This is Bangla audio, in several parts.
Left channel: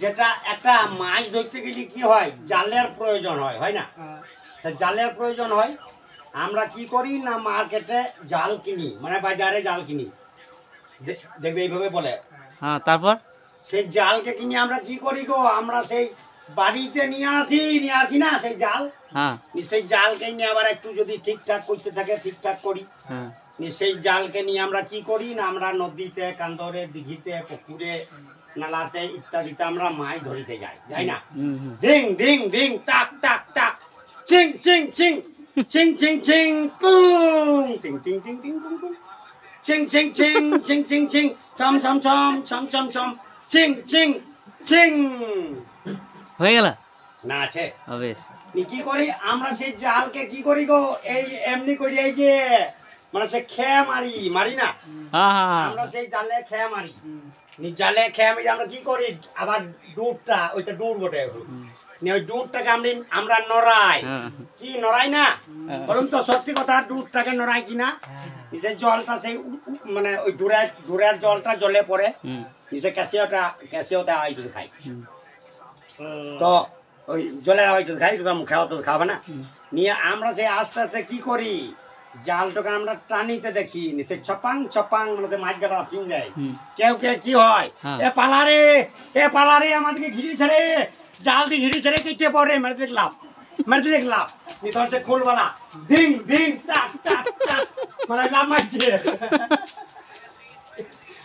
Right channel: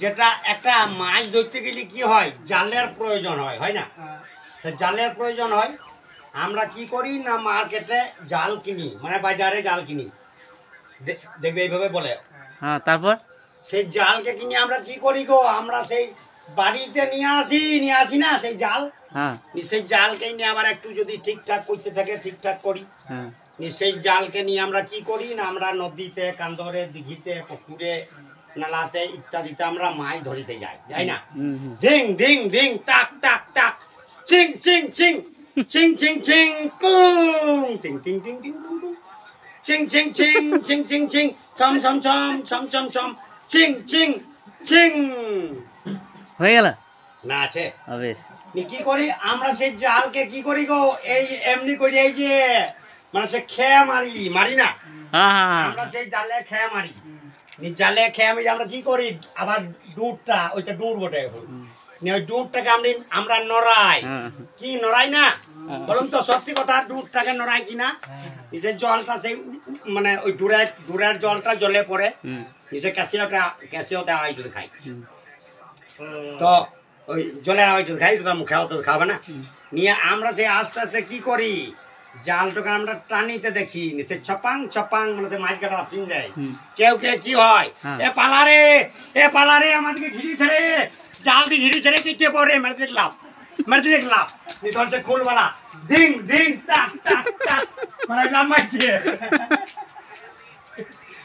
যেটা একটা মাছ ধরতে গেলে কি হয়, জালের প্রয়োজন হয়, হয় না? জালের প্রয়োজন হয়। আমরা কি করি না, মার্কেটে জাল কিনি, মানে বাজারে জাল কিনি, দেখবে এইভাবে বলে। হ্যাঁ, তারপর সেই জালকে কিনে আমরা কি করি গো, আমরা সেই বাড়িতে নিয়ে আসি না সেই জাল। হ্যাঁ, সেই জালকে নিয়ে আবার একটু যদি ঠিকঠাক করতে থাকে ঠিকঠাক করি। হ্যাঁ, সেই জালকে নিয়ে আমরা কি করি না, আমরা নদীতে, কান্দরে, দিঘিতে, পুকুরে, নালাতে ইত্যাদিতে আমরা মাছ ধরিতে যাই না? ধিং ধিং ধিং টাক টাক টাক, চিং চিং চিং, চিং চিং চিং, পুং, টিং টিং টিং টিং টুং টুং, চিং চিং চিং, চিং চিং চিং, ছম ছম ছম, ছম ছম ছম, চিং চিং চিং। হয়ে গেল না আছে বেশ। কি করি আমরা সেই জালকে কি করি গো, এই এমনি করি, এই যে মানে সে খেয়া মারি না, আমরা সেই জালে খেয়া মারি। জালে খেয়া মারি আমরা কি করি, আবার ডুবটা, ওইটা ডুব বটে, ওই ডুবটাকে আমরা নড়াই। কি নড়াই না বলুন তো, সত্যি কথা, ডুবটাকে নড়াই কিনা? সে জলটা সেই মানে ওই ডুরের জলটা জলে পড়ে, নিচে ক্যাসিও দেওয়া হয় যদি খাই, তো ওই জলের আওয়াজ খাই, তো মুখে তো খাবে না। নিয়ে আমরা সেই আস্তে আস্তে কি করি, জালটাকে আমরা টানিতে দেখি, সে ছপাং ছপাং মানে মাছ গাড়া ফিন যায়। কেউ কি হয়, এ পালারে আমাদেরকে ঘিরি ছেড়ে, জাল দিয়ে ঘিরি ছেড়ে কেটে পড়ে, মেরে দেখলাম ধরছে খুলবালা, ধিং ধিং টাক টাক টাক, মানে লাভ মারছে,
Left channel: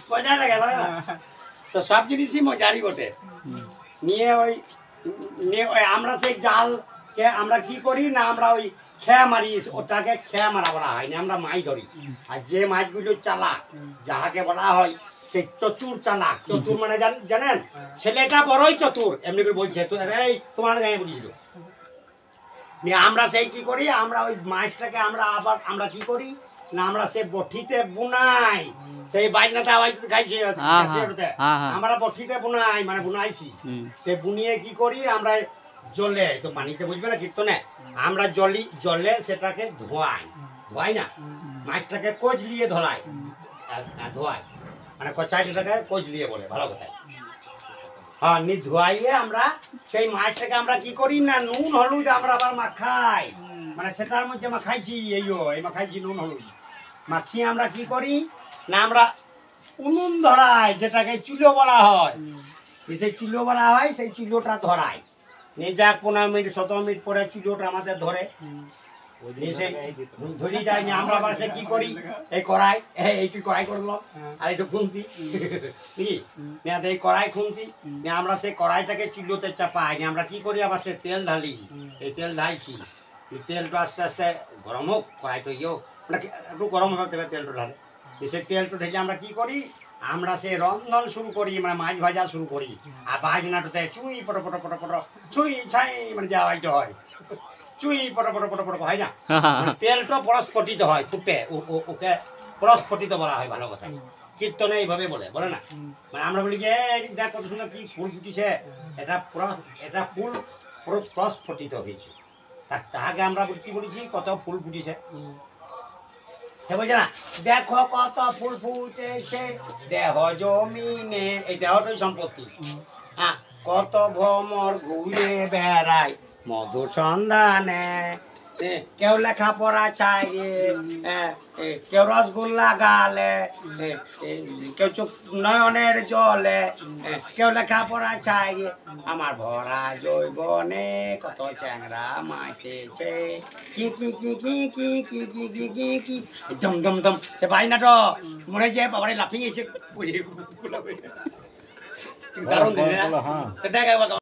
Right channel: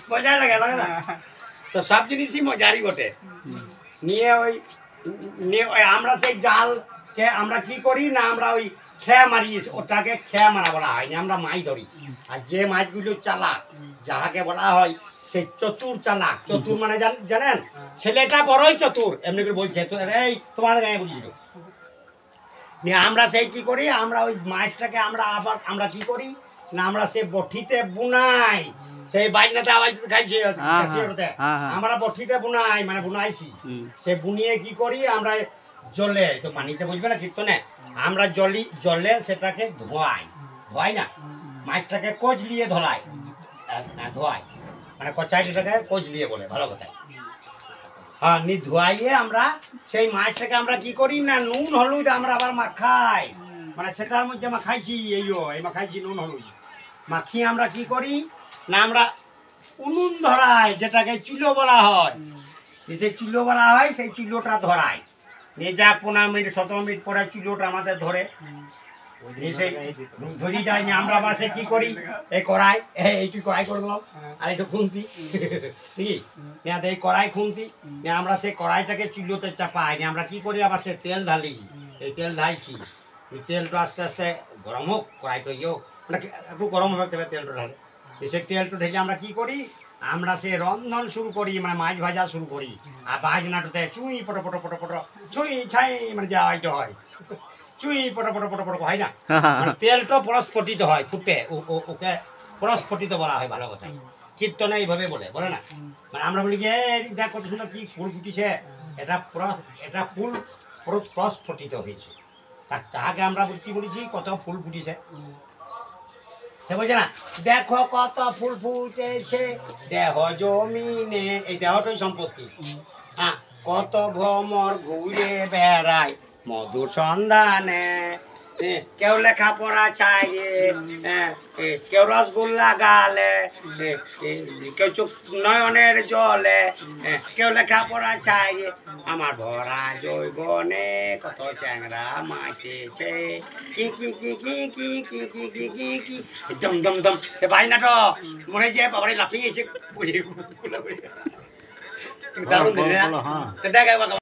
মজা লাগে না? তো সব জিনিসই মজারই বটে। নিয়ে ওই আমরা সেই জালকে আমরা কি করি না, আমরা ওই খেয়া মারি, ওটাকে খেয়া মারা বলা হয় না, আমরা মাছ ধরি। আর যে মাছগুলো চালাক, যাহাকে বলা হয় সেই চতুর চালাক, চতুর মানে জানেন, ছেলেটা বড়ই চতুর, এমনি করে বলছে তো, এই তোমার গায়ে বলেছিল। নিয়ে আমরা সেই কি করি, আমরা ওই মাছটাকে আমরা কি করি না, আমরা সে বঠিতে বুনাই, সেই বাইনাতে আওয়াজ খাইছে, আমরা বঠিতে বুনাই, মানে বুনাইছি, সে বুনিয়ে কি করি আমরা জলে, তো পানিতে বুঝবে না কীর্তনে, আমরা জলে সেটাকে ধোয়াই না, মাছটাকে কচলিয়ে ধোলাই, মানে কচাইটাকে কচলিয়ে বলে, ভালো কথা। হ্যাঁ, ধোয়াইয়ে আমরা সেই মাছটাকে আমরা কি করি না, নুন হলুদ আমরা আবার মাখাই, মানে সেটার মধ্যে মাখাইছি, এই মাখাইছি নুন হলুদ মাখিয়ে আমরা কি করি না, আমরা উনুন ধরাই, যেটাকে চুলো বলা হয়, সেই চুলো বলা হয়, সেই চুলোটা ধরাই। নিয়ে যাক 15 মিনিট 17 মিনিট পরে চুলোটা আমাদের ধরে ধরি যায়। আমরা আবার সে কি করি, এই কড়াই, এইটু কড়াই করলাম, আর একটু খুন্তি, ঠিক এই কড়াই খুন্তি, আমরা সেই কড়াইটাকে চুলোতে চাপাই, আমরা কি করি আবার সে তেল ঢালি, এই তেল ঢালছি, তেলটা আস্তে আস্তে গরম হোক, কড়াইটা হোক, একটু গরম হবে, তেলটা ঢালে, সে তেলটা ঢেলে আমরা কি করি, আমরা সে রন্ধন শুরু করি, মানে মাছ ভাজা শুরু করি। আর বাজনাটাতে চুই পটো পটো পটো পটো, চুই ছাই, মানে যা হয়তো হয়, চুই পটো পটো পটো পটো হয় না, তেলটা পরস্ফটিত হয়, ফুটে, ওকে পরস্ফটিত বলা হয়, ভালো কথা। কীর্তনে এইভাবে বলে না, মানে আমরা বলি যে দেখ কত সুন্দর কি ফুল ফুটিছে, এটা ফুল প্রস্ফটিত হয়েছে, তাহাকে আমরা কি বলেছি, কত ফুল ফুটিছে, সে বলছে না, দেখো কত ফুল ফুটেছে দেহ জমিনে, এই দেহটাই সম্পত্তি। হ্যাঁ, কত ভ্রমর ঘুরে বেড়ায় মধুর সন্ধানে, কেউ লেখাপড়া চাই, কেউ রসগোল্লা গালে, কেউ চোখ নয়নের জলে, কেউ লেখাপড়া চাই, আমার ভরা জৈবনে কত চ্যাংরা মাইতেছে, কি কি কি কি কি কি কি কি কি কি দম দম দম, সে বাইনাটো মনে যে বাবারে লাফিয়ে এসে দারুণ দেখা